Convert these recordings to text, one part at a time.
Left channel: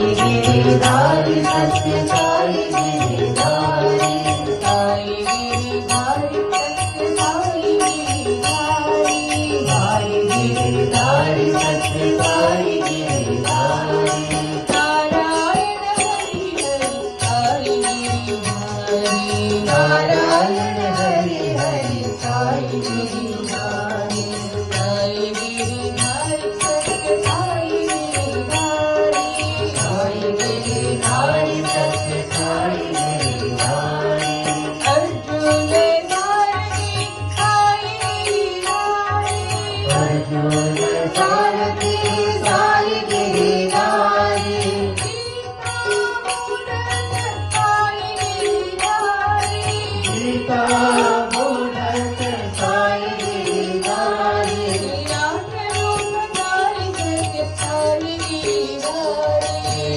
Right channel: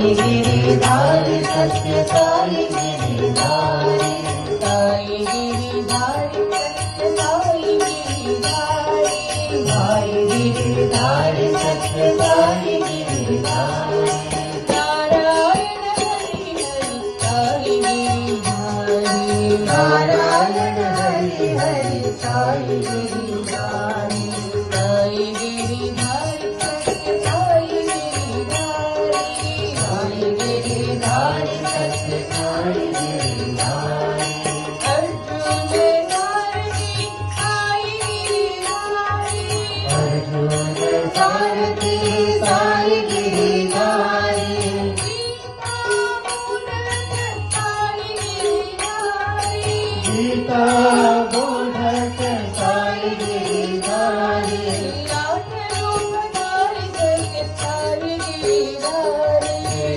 गिरिधारी सत्य साई गिरिधारी साई गिरिधारी सत्य साई गिरिधारी साई गिरिधारी सत्य साई गिरिधारी नारायण हरि हरि साई गिरिधारी नारायण हरि हरि साई गिरिधारी साई गिरिधारी सत्य साई गिरिधारी साई गिरिधारी सत्य साई गिरिधारी अर्जुन सारथी साई गिरिधारी अर्जुन सारथी साई गिरिधारी गीता बोधत साई गिरिधारी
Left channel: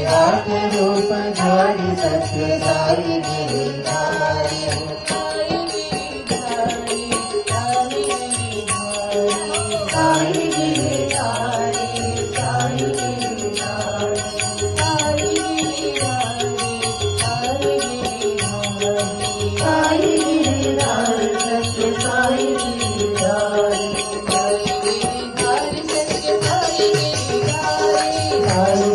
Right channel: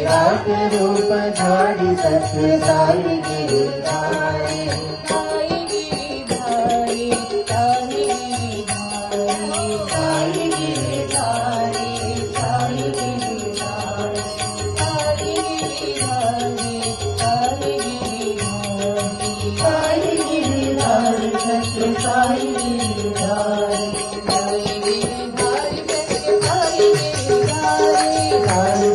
रात रूप धारी सत्य साई गिरिधारी साई गिरिधारी साई गिरिधारी साई गिरिधारी साई गिरिधारी साई गिरिधारी सत्य साई गिरिधारी साई गिरिधारी सत्य साई गिरिधारी